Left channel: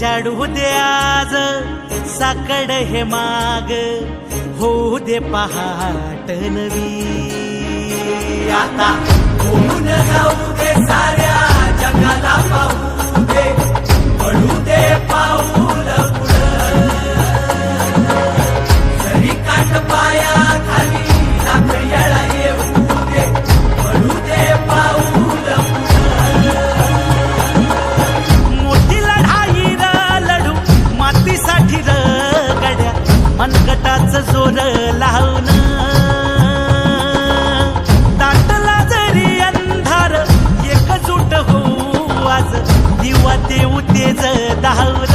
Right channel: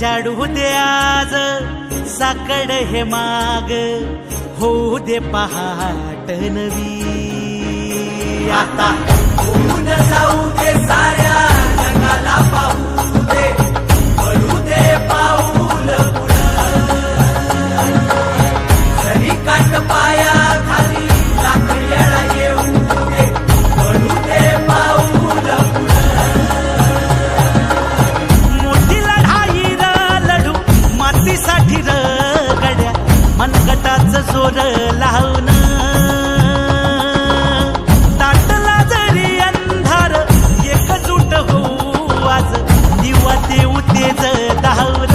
उजाडू दे आज साकड हे माग, होऊ दे पहाट नवी. आता होऊन जाऊ दे साऱ्या जगाला पाहू दे, पडू दे पाऊल पुढं. जरी काट पाया खाली लाख येळा येऊ दे, पडू दे पाऊल पुढं. मोठी लढाई र लढू मातीसाठी र गड्या, मनगटाचं जोर लावून. दाटला जरी अंधार एकजूट होऊ आज, दिवा देऊ तेज धावर.